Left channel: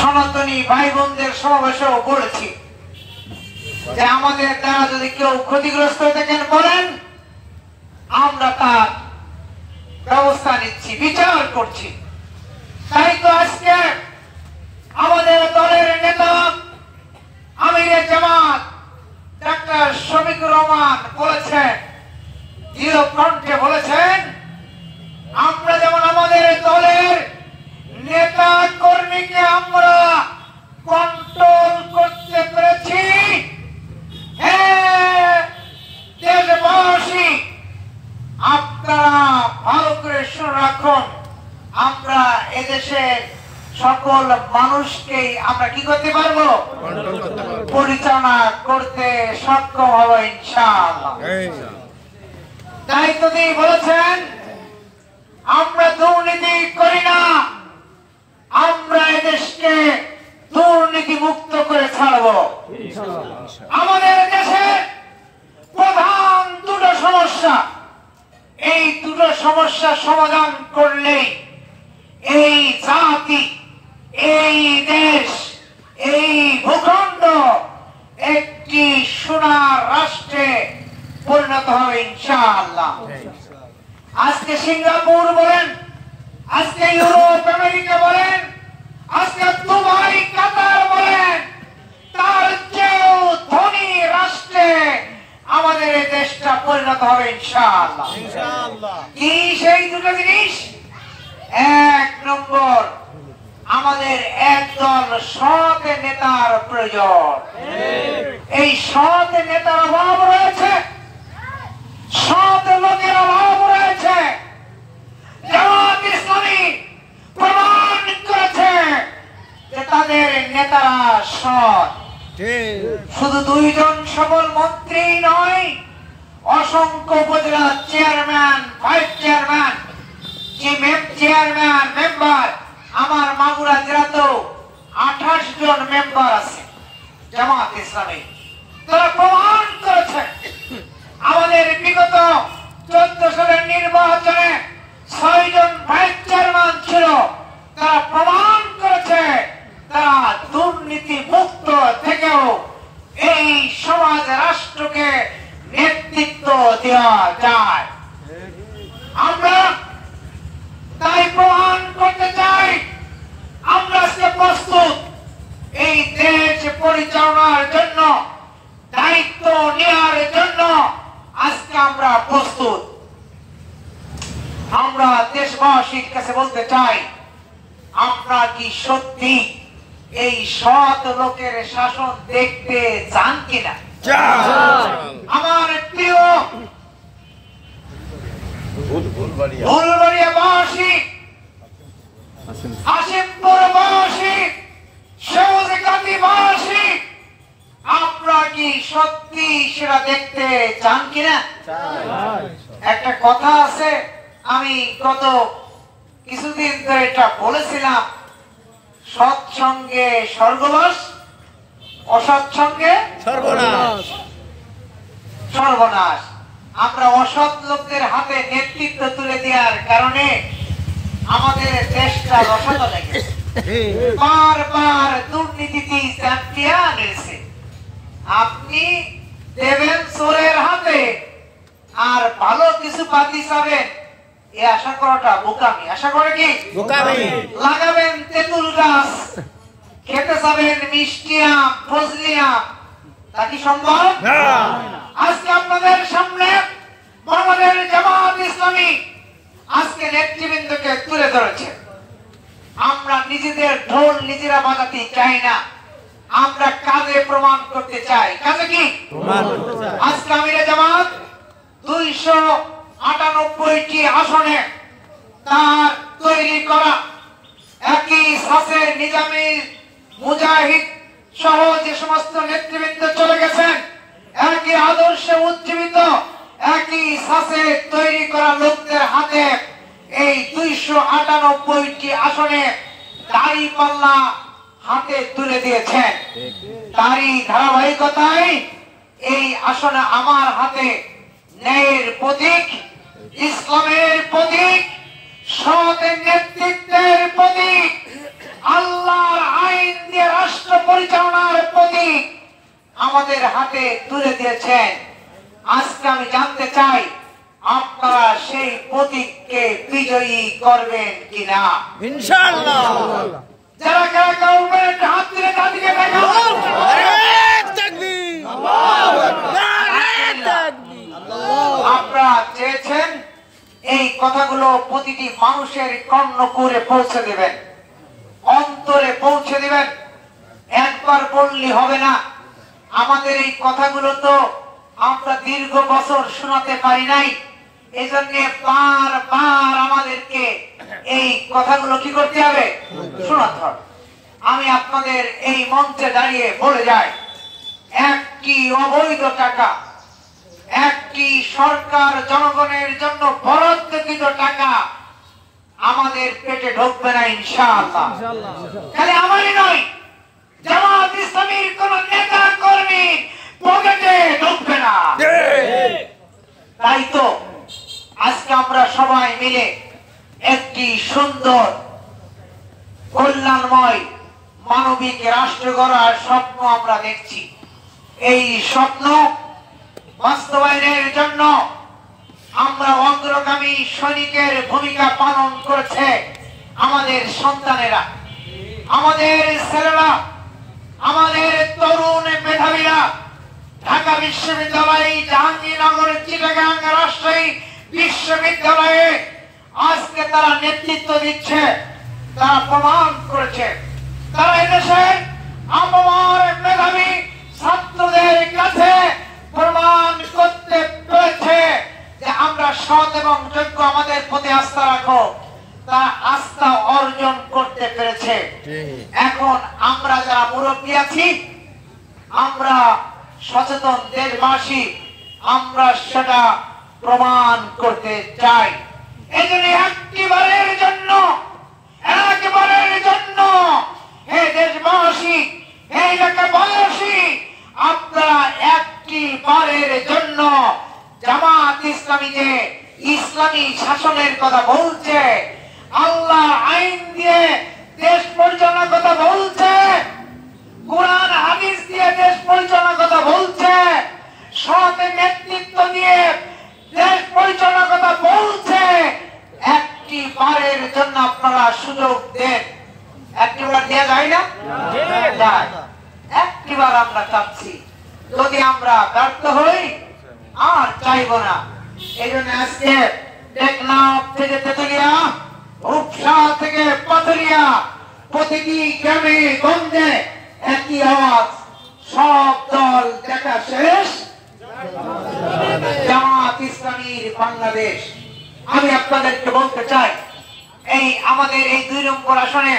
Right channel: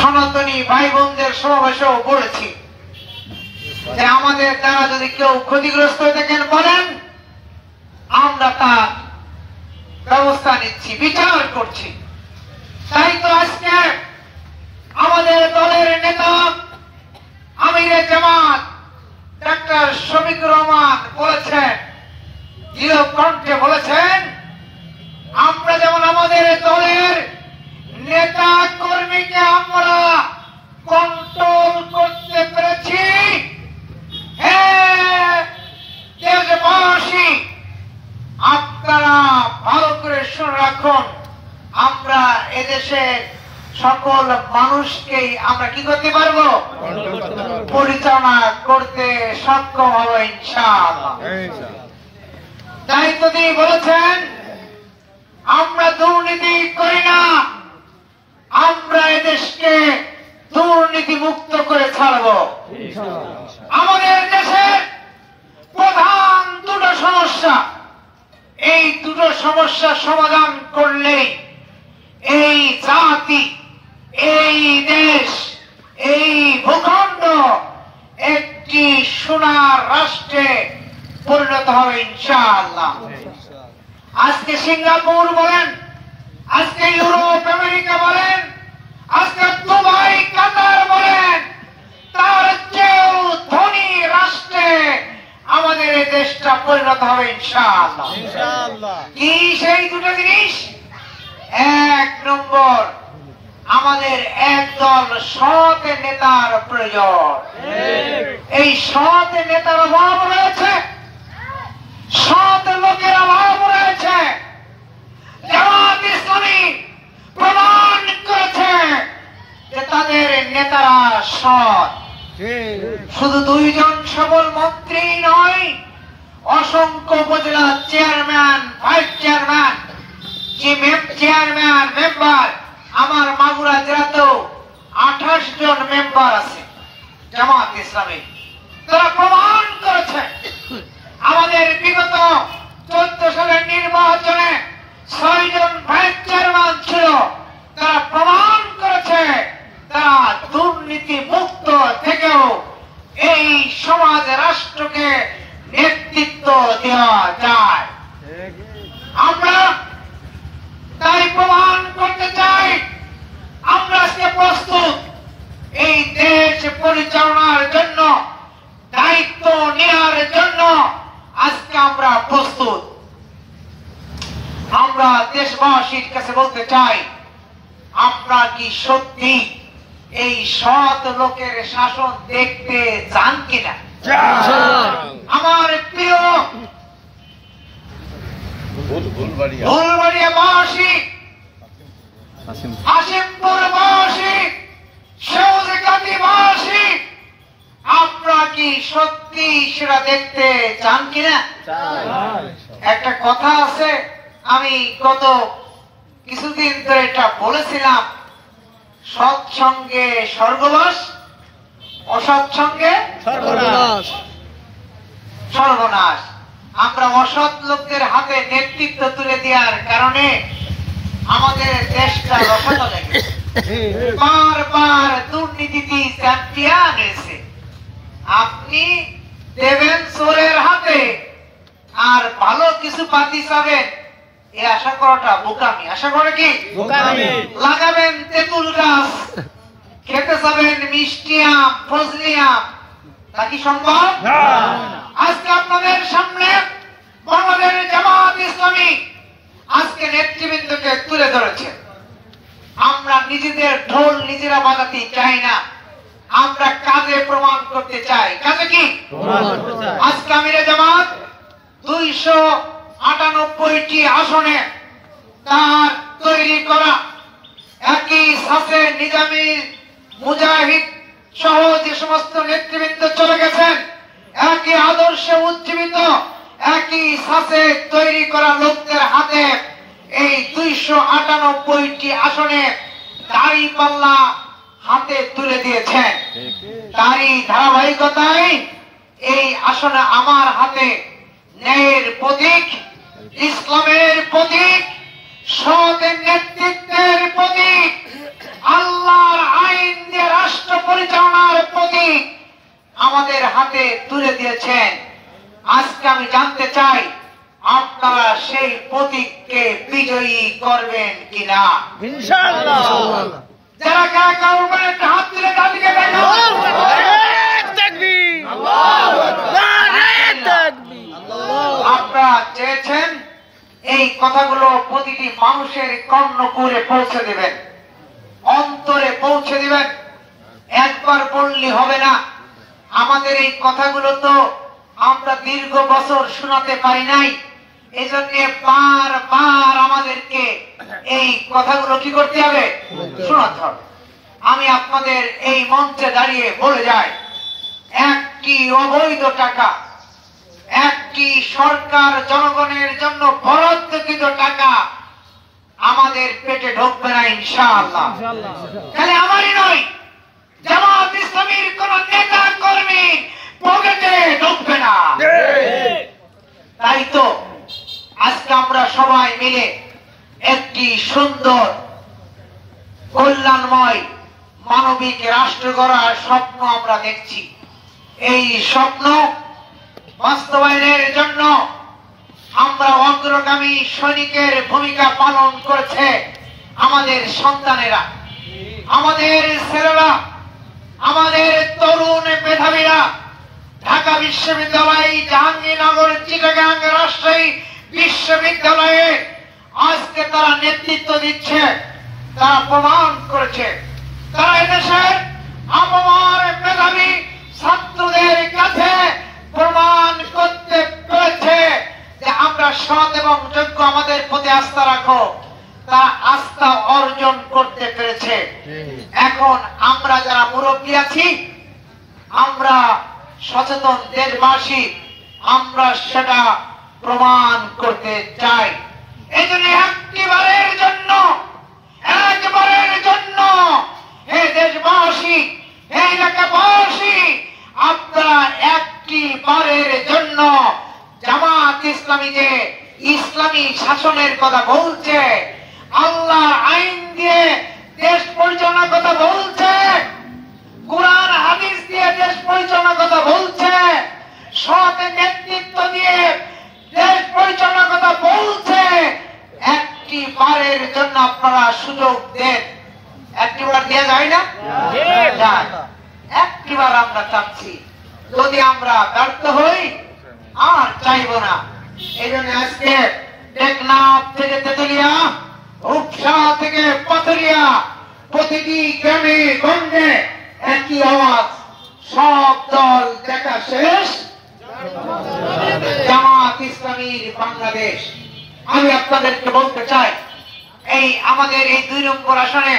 সনাতনী ভাই বোনদের সমাবেশেও বলেছি যে আমাদের দ্বারা যদি কেউ ক্ষতিগ্রস্ত দেখেন বলেন, আমরা তার ব্যবস্থা নিচ্ছি, বিচার করছি। তাই তো আজকে আমাদের দলের নেতা আমিরে জামাত ডাক্তার শফিকুর রহমান বলেছেন, দৃঢ় কণ্ঠে বলেছেন, আমরা যেমন আমাদের দলের নেতা কর্মীকে আমরা কন্ট্রোল করতে পেরেছি, দেশবাসী আপনারা ভালো করে শুনে রাখুন, আমরা এদেশের সকল মানুষকেই আমরা কি করতে পারবো, পরিচালনা করতে সক্ষম হবো ইনশাআল্লাহ। তাই তো তিনি বলেছেন, আমরা দুর্নীতি করি না, আমরা এদেশকে দুর্নীতি মুক্ত করে ছাড়বো। আমাদের দেশে প্রধান দুটো সমস্যা, এই দুটো সমস্যা সমাধান করলেই এই জাতি, এই দেশ, এই ভূখণ্ড একটি সোনার রাষ্ট্রে পরিণত হবে ইনশাআল্লাহ। আজকে সিঙ্গাপুর বলেন, আজকে ইউরোপ আমেরিকা বলেন, আজকে দুবাই কাতার বলেন, তার চেয়েও ধনী রাষ্ট্রে আমাদের এই দেশটা পরিণত হবে ইনশাআল্লাহ। কি সেই দুটো জিনিস? এক নম্বর, আমাদের একদল সৎ নেতার প্রয়োজন। এই সৎ নেতার অভাব রয়েছে, সৎ লোকের অভাব রয়েছে। জামাত ইসলামী প্রমাণ করেছে যে তাদের নেতারা সৎ। শুধু দুইজন সবল মন্ত্রী নয়, অসংখ্য উপজেলা chairman, vice chairman, chairman, member, আমার মাগুরা জেলাতেও 28 জন মেম্বার আছে জামাত ইসলামী। তারা প্রমাণ করেছে আমাদের বিগত 14 সালের নির্বাচনে 6 জন ভাইস চেয়ারম্যান ছিল, তারা প্রমাণ করেছে তারা দুর্নীতি মুক্ত থেকেও এই সমাজ রাষ্ট্রকে নেতৃত্ব দেওয়া যায়। আমরা তাই প্রমাণ করতে চাই আমরা আজকে প্রস্তুত এই দেশ পরিচালনার জন্য, দায়িত্ব নেওয়ার জন্য আজকে আমরা প্রস্তুত। আমরা দেশবাসীর কাছে বলতে চাই, আপনারা কি সত্যি এই সৎ লোকের শাসন দেখতে চান কিনা? আমার প্রিয় ফুলবাড়িয়াবাসী, হাশিমপুরবাসী, শেওড়াগাতিবাসী, আপনারা কি সত্যি সেটা দেখতে চান কিনা? একটা কথা আছে, আমি গত কিছুদিন ধরে এটা বলেছিলাম, সৎসঙ্গে স্বর্গবাস, অসৎসঙ্গে সর্বনাশ। সর্বনাশ। আমরা অসৎ লোকদের হাতে নেতৃত্ব তুলে দেওয়ার কারণে আমাদের দেশটা রসালো লেগেছে, বারবার দুর্নীতিতে চ্যাম্পিয়ন হয়েছে। আপনি দেবেন চোরের হাতে আর ভালো কিছু পাতি চাবেন, এই আশা করাটা বোকামি। আশা করে কি লাগাবেন তেঁতুল গাছ, খেতে যাবেন মিষ্টি আম, ফজলি আম, তা কি সম্ভব? আজকে আপনাদের সামনে বাংলাদেশ জামাত ইসলামী আজকে নেতৃবৃন্দকে তুলে ধরেছে। আমরা নিজেদের ঢোল নিজেরা বাজাতে চাই না, আমরা কাজে প্রমাণ করতে চাই। কাজে কি? আজকে আমিরে জামাত 298টি আসনে তার তৈরি করা একই সাথে নিজামী, মুজাহিদ সহ যে সমস্ত নেতৃবৃন্দ চলে গেছেন, একই আদর্শে উজ্জীবিত, একই সাথে তৈরি করা লোকদের হাতে এই 298টি আসনে দাঁড়িপাল্লা হাতে তুলে দিয়েছেন। তারই ধারাবাহিকতায় এই আসনে আমার হাতে ন্যায়ের প্রতীক, ইসলামের প্রতীক, সৎ নেতৃত্বের প্রতীক, আল্লাহর আইন প্রতীক আমাদের হাতে তুলে দিয়েছেন। আজকে আমি জানতে চাই আপনারা সেই প্রতীককে বিজয়ী করবেন কিনা। ইনশাআল্লাহ। যারা কারা করবেন হাত তুলে তাদেরকে দেখান। আপনারা চেয়েছেন এই কথাগুলো প্রতিটি মানুষের কর্ণকুহরে পৌঁছে দিবেন, অন্তরে পৌঁছে দিবেন। একবার বললে হবে না। আমাদের এই কথাগুলো তো আমরা দীর্ঘ বছর শোনাতে পারি নাই, এই জন্য বারবার আমাদেরকে এই কথাগুলো কি করতে হবে, শোনাতে হবে। আমি আপনাদের এই মঞ্চে দাঁড়িয়ে বলে যাই, একটি অবৈধ টাকা, একটি সরকার জনগণের জন্য বরাদ্দকৃত টাকা আমাদের পেটে ঢুকবে না ইনশাআল্লাহ। খালি আমারই নয়, জামাত ইসলামীর কোন নেতা কর্মী পকেটে ঢুকবে না। তাই তো আজকে আমরা সবাই মিলে একটি সুন্দর কল্যাণময় মানবিক রাষ্ট্র গড়ার স্বপ্ন আমরা দেখছি। এই স্বপ্ন বাস্তবায়নের জন্য আমরা অগ্রগামী সৈনিকের ভূমিকা পালন করছে আমাদের সন্তানেরা, আমাদের ছেলেরা, আমাদের তরুণ মেধাবীরা। ঢাকা বিশ্ববিদ্যালয়, জাহাঙ্গীরনগর, চিটাগাং রাজশাহী বিশ্ববিদ্যালয়ে আজকে তারা নেতৃত্ব দিচ্ছে, তারা প্রমাণ করেছে। তারা এদেশের আমার মেধাবী ছাত্রদের কাছে প্রমাণ করতে পেরেছে যে আমরা সৎ এবং যোগ্য, আমাদের প্রতি আস্থা রাখো। তারা আস্থা অর্জন করতে পেরেছে। এখন আমরা যারা মুরব্বী আছি, আমরা সচেতন দেশবাসী, আমরা সেটা প্রমাণ করতে চাই। এই জন্য একবারের জন্য হে দেশবাসী, হে এলাকাবাসী, আপনারা একবারের জন্য জামাত ইসলামী যে ইসলামী শাসনের কথা বলছে, আল্লাহ আইন দিয়ে দেশ পরিচালনার কথা বলছে, কোরআন হাদিস দিয়ে দেশ পরিচালনার কথা বলছে, সৎ নেতৃত্ব দিয়ে দেশ পরিচালনার কথা বলছে, একবারের জন্য আপনারা সুযোগ দেন। একবার দেওয়া যায় না? একবার আমরা চাচ্ছি। যদি আমরা ব্যর্থ হই আর চাইব না। এই জন্য আজকে টেকনাফ থেকে তেতুলিয়া, রূপসা থেকে পাথুরিয়া, প্রতিটি গ্রামে গঞ্জে একই আওয়াজ, সব দল দেখা শেষ, জামাত ইসলামীর বাংলাদেশ। আমি আপনাদেরকে বলতে চাই, এই আমাদের এই 2 নম্বর আসনে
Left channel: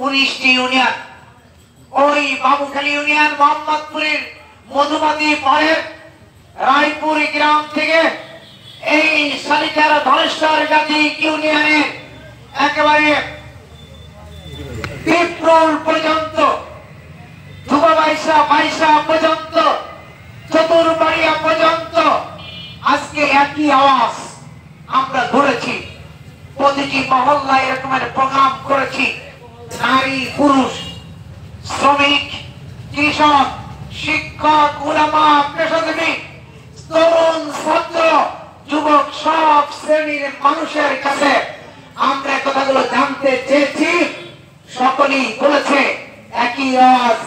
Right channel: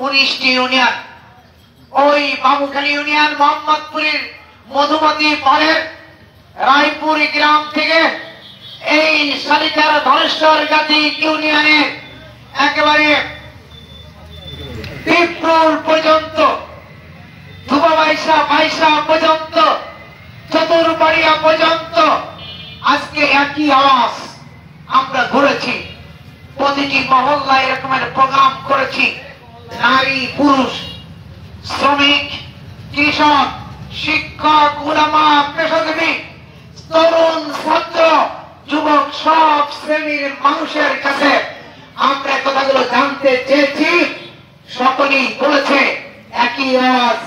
19টি ইউনিয়ন, ওই বাবুখালী ইউনিয়ন, মোহাম্মদপুরের মধুমতি পাড়ের রায়পুর গ্রাম থেকে এই শালিকার ধনেশ্বর জাতি ইউনিয়নের একেবারে পিপরুল পর্যন্ত, ধুবাবাইসা পর্যন্ত, চতুরবাড়িয়া পর্যন্ত আজকে একই আওয়াজ আমরা ধরেছি। প্রতিটি মহল্লায় এরকমের প্রোগ্রাম করেছি। নারী, পুরুষ, শ্রমিক, কৃষক, শিক্ষক, উলামা, পেশাজীবী, তরুণ, ছাত্র, যুবক, সব শ্রেণীর মানুষের কাছে আমরা কথাগুলো জানতে চেয়েছি। সকলেই বলেছে একই আওয়াজ,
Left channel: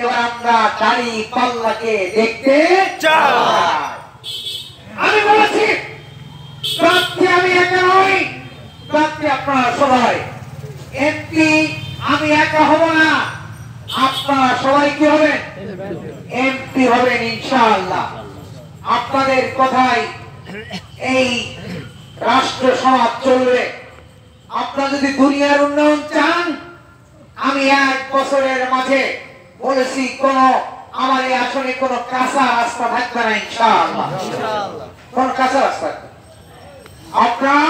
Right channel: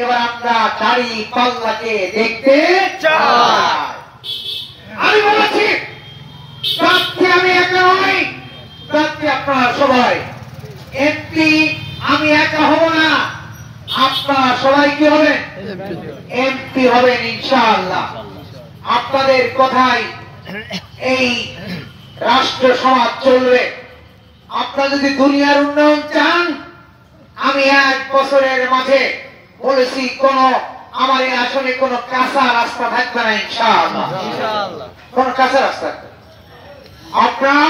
এবার আমরা দাড়ি পাল্লাকে দেখতে চাই। আমি বলেছি প্রার্থী আমি একা নই, প্রার্থী আপনারা সবাই। এমপি আমি একা হব না, আপনারা সবাই কি হবেন? এমপি হবেন ইনশাআল্লাহ। আপনাদের কথাই এই রাষ্ট্র সমাজ চলবে। আপনারা যদি দুনিয়ার উন্নয়ন চান, আমি 1 বছরের মাঝে বলেছি কোন আমার এই আসলে কোন কাঁচা রাস্তা থাকবে না ইনশাআল্লাহ। কোন কাঁচা রাস্তা আপনারা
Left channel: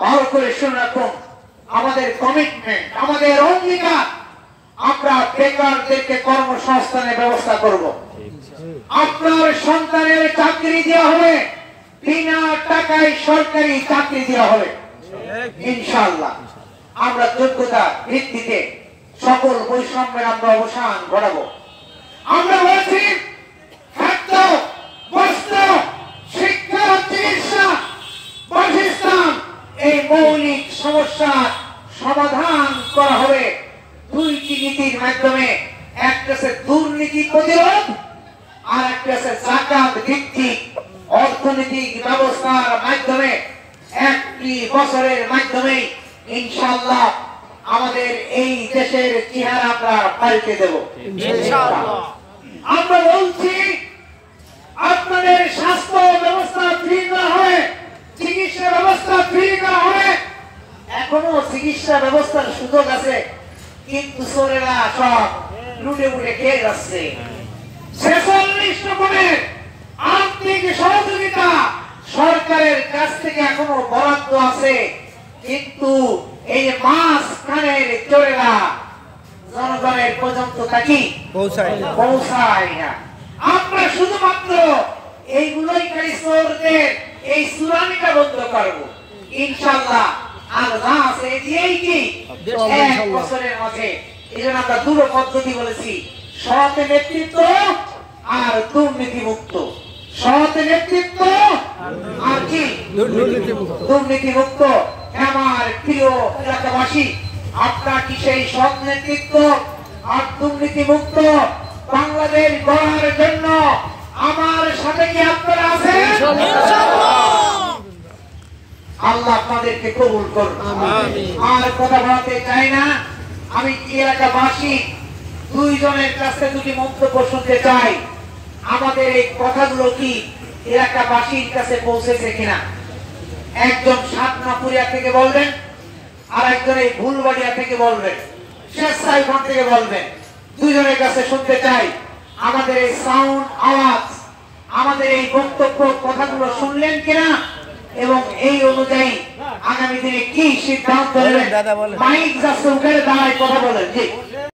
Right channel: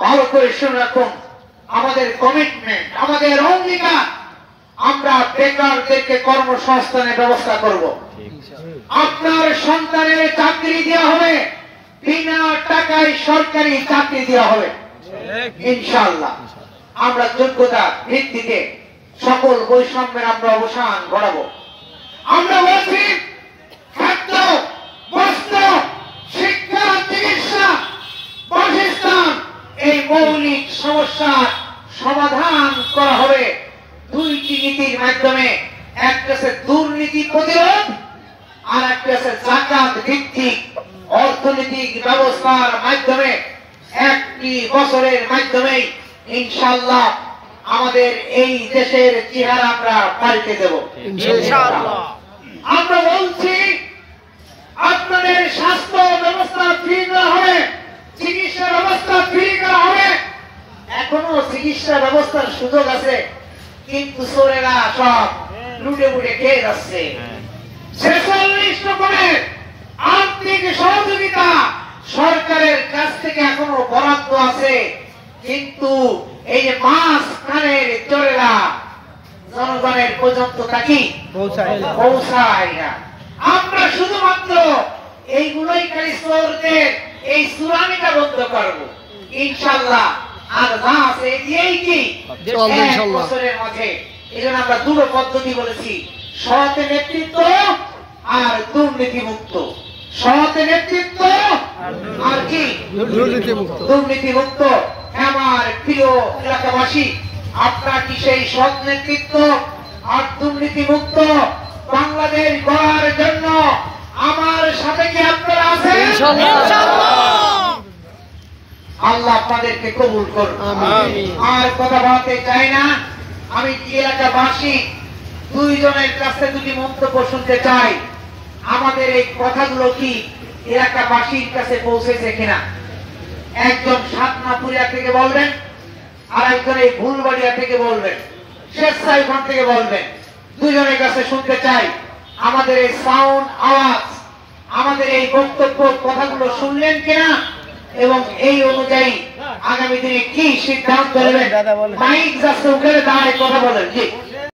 ভালো করে শুনে রাখুন। আমাদের কমিটমেন্ট, আমাদের অঙ্গীকার, আমরা বেকারদেরকে কর্মসংস্থানের ব্যবস্থা করব। আপনার সন্তানের চাকরি দেওয়া হবে, বিনা টাকায় সরকারি চাকরি দেওয়া হবে ইনশাআল্লাহ। আমরা যোগ্যতা ভিত্তিতে সকল বৈষম্যের আমরা অবসান ঘটাবো। আমরা বলছি খাদ্য, বস্ত্র, শিক্ষা, চিকিৎসা, বাসস্থান, এই মৌলিক সমস্যার সমাধান করা হবে দুইটি নীতির মাধ্যমে। একটা হচ্ছে দুর্নীতি প্রতিরোধ, আর একটা হচ্ছে জাকাত ভিত্তিক অর্থনৈতিক ব্যবস্থার মাধ্যমে। একটি বছরের মাধ্যমে ইনশাআল্লাহ আমাদের এই দেশের চেহারা আমরা পাল্টে দেব ইনশাআল্লাহ। আমরা বলছি আপনাদের স্বাস্থ্য ব্যবস্থা ফ্রি করা হবে, চিকিৎসা ব্যবস্থা ফ্রি করা হবে। এখনো চিকিৎসা ব্যবস্থার সুযোগ আছে, কিন্তু চোরেরা সব লুটে লুটে খেয়ে যাচ্ছে। 46 রকমের আর্থিক সহযোগিতা সরকারের কাছ থেকে এখনো বরাদ্দ আছে, কিন্তু এই যে মাছ খানের চোরেরা জনগণের পর্যন্ত কি পৌঁছায় না। আমরা শুধুমাত্র এইগুলোই খালি চোরদের এই চুরানিটা বন্ধ করবো ইনশাআল্লাহ। আর না আছে দিয়েই কি এক বছরের মাঝে। এই জন্য আমরা দুটো পদ্ধতি বলেছি, সৎ নেতৃত্ব আর দুর্নীতি মুক্ত। সৎ নেতৃত্ব আর কি দুর্নীতি মুক্ত। আমার প্রিয় এলাকাবাসী, আপনারা কি সেই সৎ নেতৃত্ব আর দুর্নীতি মুক্ত বাংলাদেশ গড়ার জন্য আমার সাথে কি আপনারা আছেন? আল্লাহ আপনাদেরকে কবুল করুন। আর কথা বলতে চাই না, আমি এলাকাবাসী দুইজনের কাছে দুটি মন্তব্য শুনতে চাই। আমাদের এই কথাগুলো কি এলাকাবাসীর কাছে পৌঁছেছে কিনা? একজন সাতনাপুরিয়া থেকে বলবেন, আর একজন এই ভুলবাড়িয়া থেকে বলবেন, শেষসাইখান থেকে বলবেন। দুইজনের কাছে শুনতে চাই আমাদের এই সাউন্ড আওয়াজ, আমাদের এই বক্তব্য কথাগুলো শুনলেন কিনা, এবং এই অনুযায়ী আগামী দিনে কি সিদ্ধান্ত নেবেন। মাইক যাচ্ছে, উঠে দাঁড়ায় কথা বলেন। জি।